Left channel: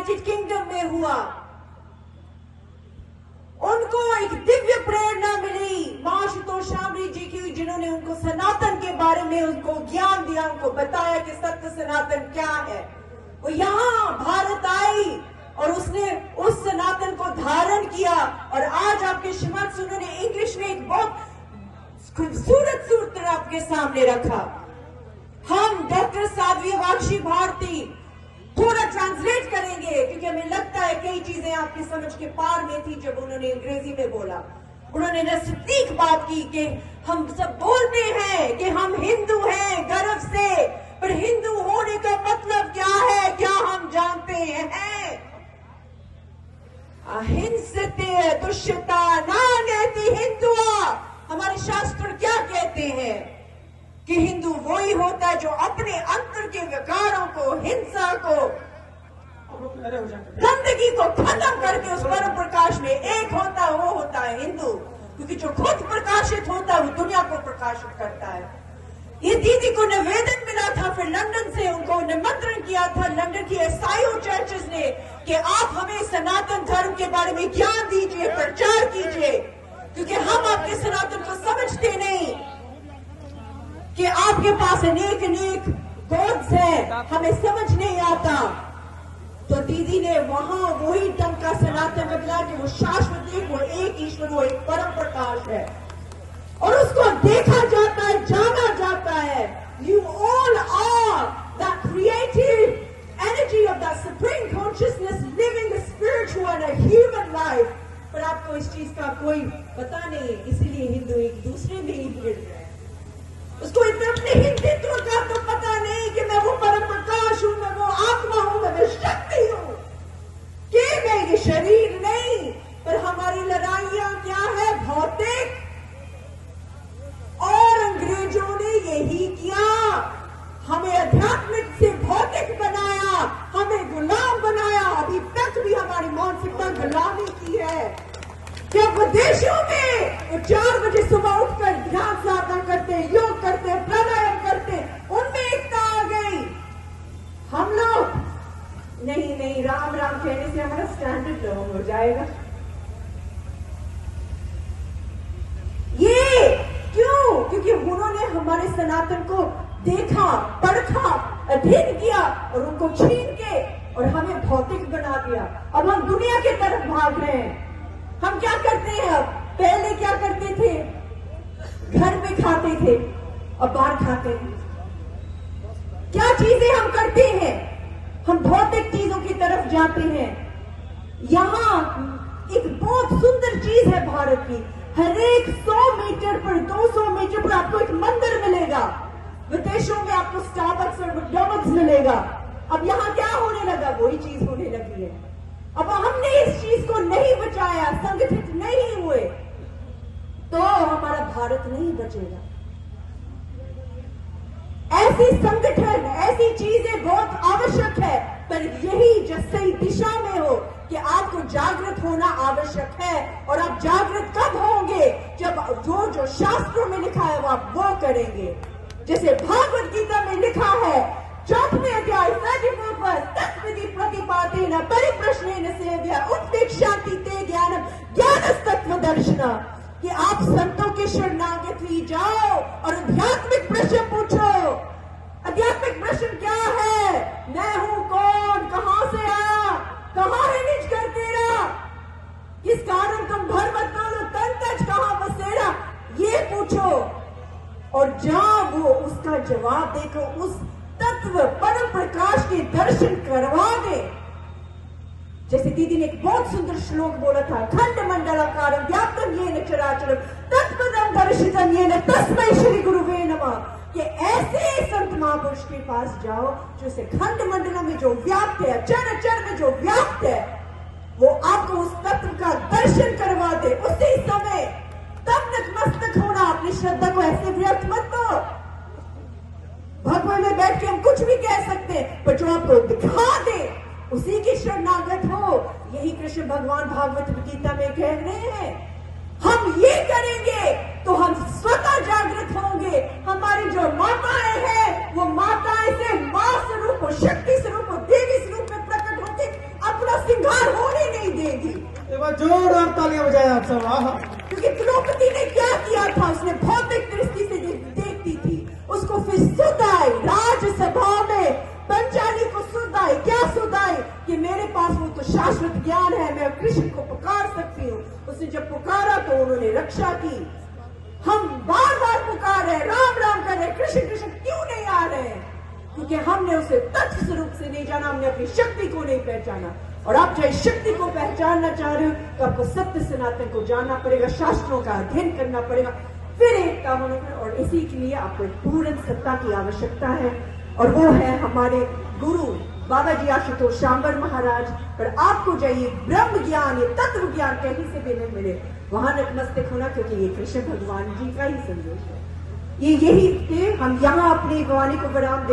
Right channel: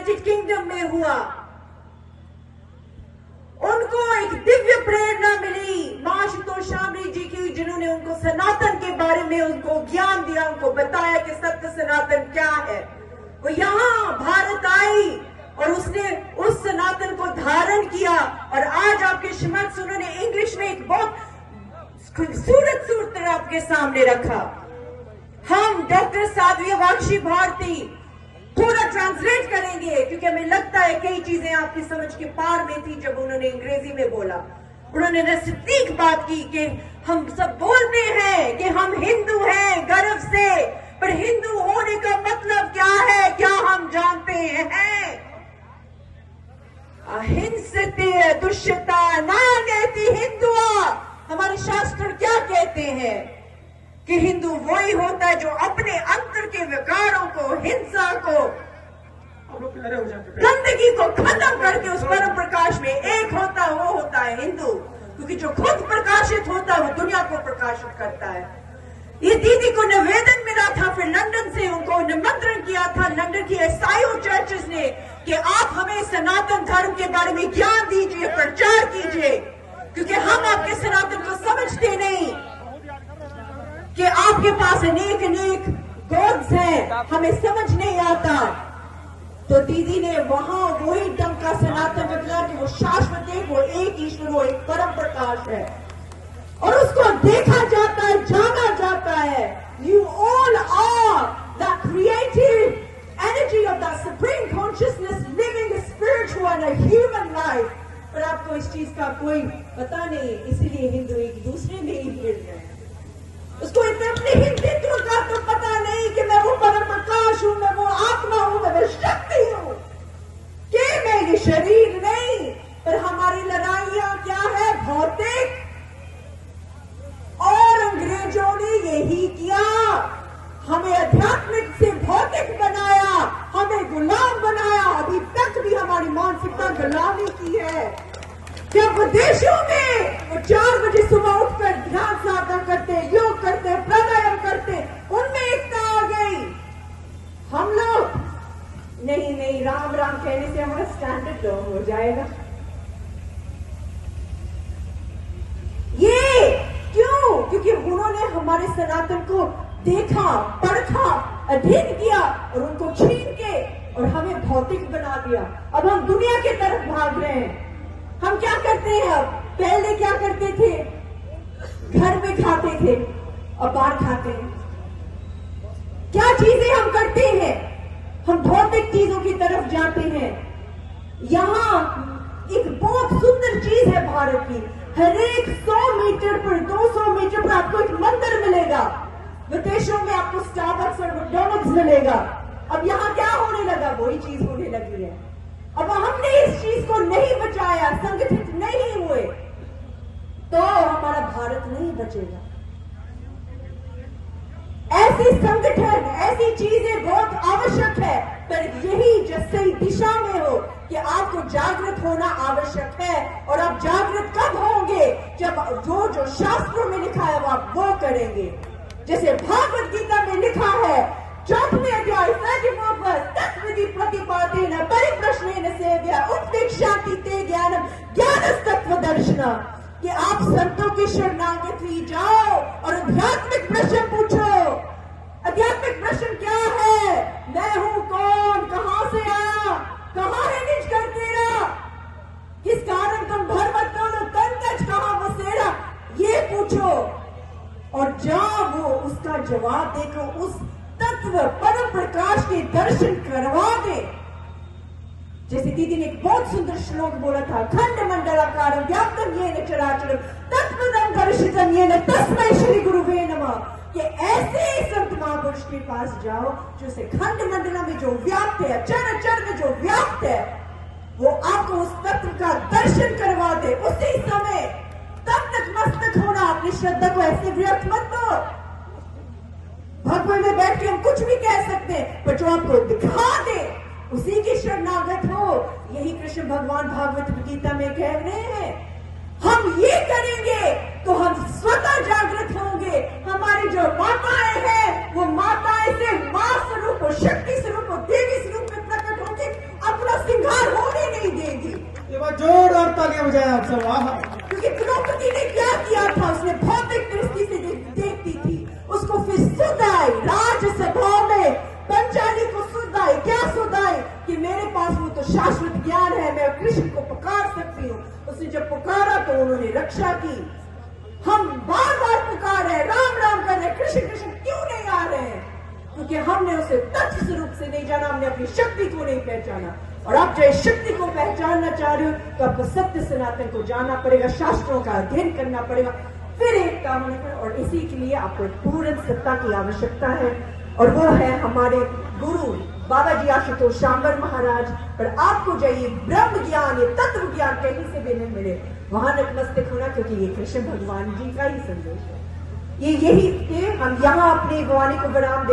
United kingdom में हुआ। उनको एक दिव्य प्रेरणा मिली मां आशुतोष शामरी जी की, जिन्होंने उनको सनातन के बारे में उनको ज्ञान दिया, उनको बताया कि सत्य सनातन क्या है। वो यहाँ भारत आई और उसने उस सनातन को धारण किया, और आज आपके श्रीमत उन्होंने इंग्लिश में एक बहुत खूबसूरत सूत्र आपके सामने रखा। हम डॉक्टर साध्वी वाक्षी भारती थोड़ा ट्रांसलेट करेंगे, क्योंकि हमें लगता है कई चीजें आपकी समझ के पार में थी जब उन्होंने अंग्रेजी में बोला। उन्होंने नजदीक बात की कि हम सब बोलते हैं कि हम हिंदू हैं गर्व से, पर हिंदू होने का मतलब क्या है, क्या हम जानते हैं? अहिंसते दुष्यता नानेति हिंदुआ। हमारे शास्त्र क्या कहते हैं कि हिंदू वही होता है जो अपने अंतर के विकारों को, हिंसा को, गंदगी को खत्म करके उस परम प्रकाश में एक होता है, वो होता है हिंदू। क्योंकि जो खुद प्रकाशित होता है वो दुनिया को प्रकाशित करता है। ये दीदी को निवेदन मिला था, फिर लंदन से उनको निमंत्रण किया था लंदन की ईसाई चर्चेस ने कि आप हमें सनातन धर्म के बारे में ज्ञान दीजिए, प्रचार कीजिए, क्योंकि हम आपके सनातन को समझते नहीं, कि आपके पास अनेक अनेक गॉड्स हैं, हमें समझ नहीं आता। तो दीदी ने वहां वही ढंग का सनातन बदला कि वो शाश्वत है, वो एक ईश्वर, वो एक परम प्रकाश है, और उसको देखा जाता है, जाना जाता है। You all are the creative energy of the supreme consciousness living spiritual and human life. पर आपको इस चीज का कोई पता नहीं, इसीलिए हिंदू एक दूसरे में ही भिड़ गए। उसको अपने हिंदुत्व का तो पता नहीं कि मैं वो परम प्रकाश हूं, मैं वो आत्मा हूं, मैं वो शक्ति हूं, कि मैं ये शरीर नहीं। पर हमारी लड़ाइयां क्या है? भौतिक। और अंग्रेजों ने यही किया, हमें आध्यात्मिक से भौतिक बनाया, हमें गुलाम बनाया। अभी तक भी हमारी मानसिकता गुलामी की है। जब विदेशों में 4 बजे सुबह उठकर ध्यान साधना करते, योग करते, प्राणायाम करते, उनमें एकता आ गई। हम लोग नहीं नहीं, राम राम कहने से हमारा स्टैंडर्ड लो हो जाएगा। ये क्यों? क्योंकि उन्होंने हमारे सनातन को देखा, परखा, अध्ययन किया और उनको छीन के और हमें भौतिक बना दिया। अब हम दुनिया की तरफ भाग रहे हैं। हम क्या करते हैं अब? पहले क्या करते थे? घर में खाते थे, अब बाहर खाते हैं। क्या चीजें हम करते हैं? हम भौतिक चीजों की तरफ जाते हैं। यहाँ एक बहुत सुंदर चीज है भारत की, हर एक 100 मीटर पर, 200 मीटर पर आपको एक मंदिर मिलेगा। विदेशों में आपको स्टारबक्स और मैकडॉनल्ड्स मिलेगा। अब यहाँ क्या होने लगा? वही चीज होने लगी है। अब हमने इस चीज को नहीं बचाया, संगठित नहीं हुए, तो हमारा भारत नहीं बचेगा। ऐसी संगठन, ऐसी चीजें बहुत आवश्यक है, पर यही जो सही दिशा में हो कि आपको जागृत होना आवश्यक है। और आप जागृत कब होंगे? जब जो शास्त्रों में लिखा है वो आप वो करेंगे। जैसे भागवत गीता में लिखा है 4वें अध्याय 7वां पद, तत्विधि प्रतिपादेन परिप्रश्नेन सेव्या उत्प्रेक्षाति ते ज्ञानम ज्ञानस्तत्व दर्शना, कि आप संतों के शरणागत ही जाओ और आध्यात्मिक प्रश्न पूछो। आध्यात्मिक प्रश्न क्या है? मैं हूं कौन? कहां से आया? कहां है निज घर तेरा? किस कारण तुम धर्म दोनों तन तज कहां बसेरा? ये पूछो और जहां वो उसका जवाब देखो, उस तत्व परम प्रकाश के दर्शन करवा दे। जैसे दीदी ने एक बहुत सुंदर श्लोक बोला था, खंड मंडलाकारं व्याप्तं येन चराचरं तत्पदं दर्शितं येन तस्मै श्री गुरुवे नमः, कि ऐसे संत महापुरुष के पास जाओ जो से खंड मंडल में जो व्याप्त है, चर चर में जो व्याप्त है, वो आपको उस तत्व का दर्शन करवा दे उसी समय। तब नतमस्तक होना, अपनी श्रद्धा को ऐसे व्यर्थ मत दो। भगवान में बैठ के हम कुछ भी कह सकते हैं, पर जो आपको दिखा दे उसी की शरणागत हो। यही कृष्ण भगवान भागवत गीता में कह रहे हैं। हम ये करेंगे तो हम स्वतः जागृत होंगे। हमारी जो माताएं हैं वो माताएं से मां स्वरूप, शक्ति स्वरूप, देवी स्वरूप में प्रकट होकर शाश्वत ज्ञान है, मैं कृष्ण को पुकार सकती हूँ। उसने जब पुकारा तो उन्होंने रक्षा की। हम बार बार पुकारे, राम राम कर रहे, कृष्ण कृष्ण क्यों नहीं आ रहे हैं? क्योंकि हमने उसे तथ्य स्वरूप से नहीं जाना, हमने अपनी शक्ति को नहीं पहचाना। और आप जो इस शक्ति को पहचानना चाह रहे हो तो आपको सत्य सनातन को जानना पड़ेगा, शास्त्रों का अध्ययन करना पड़ेगा, फिर एकता होने पर। और इसी के लिए आपको एक पूर्ण सत्ता की आवश्यकता है, और वो है हमारे गुरु बाबा जी आशुतोष शांबर महाराज। पर आपको चाहिए ब्रह्म ज्ञान, ये तत्व ज्ञान कहीं से भी नहीं मिले, वहां नतमस्तक होना, क्योंकि ये कृष्ण भगवान जी का ही संदेश है। ये यही थे, हम यहाँ अपनी वाणी को विराम